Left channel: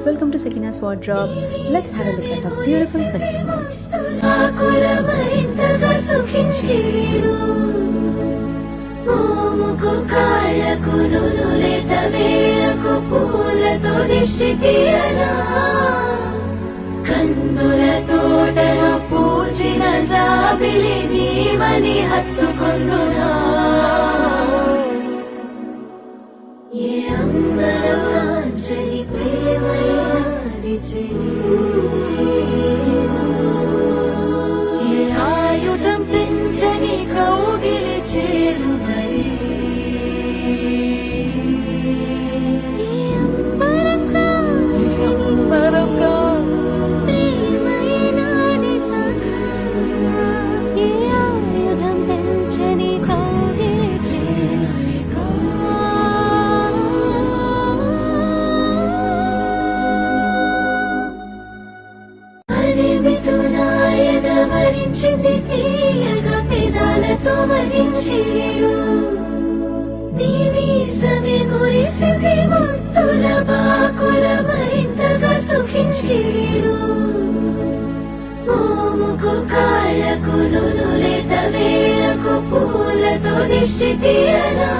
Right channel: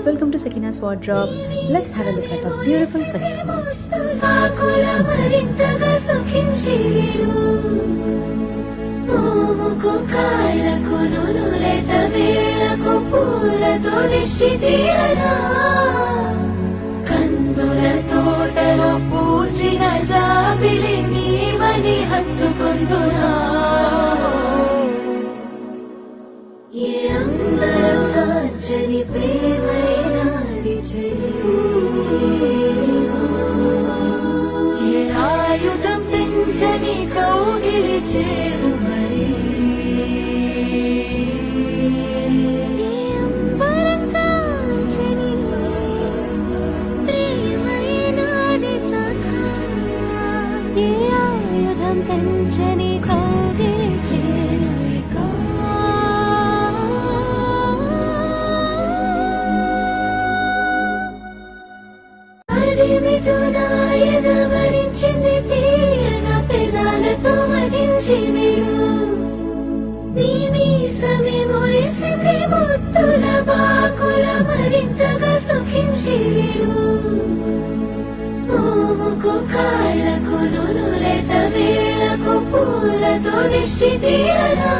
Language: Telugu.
welcome to Sakina's Wardrobe. Let's have a look at a beautiful festive march. కందుల తోటలో పూచిన జాబిలి నీవని హత్తుకుందునా ఏ అంబరం కాంచని ప్రేమైనాది చెలి ఏ ఆయుధం పెంచని కౌగిలి చేరు మరి వరించింది తీయగా పెదాలతో మరించిడు నీ మీసమే మురిసింది ముత్తుల బాకుల మరింతగా సుఖించిడు మోముకు కాళ్లకు నునులేత వేళకు పూలతో దిష్టి తీయలా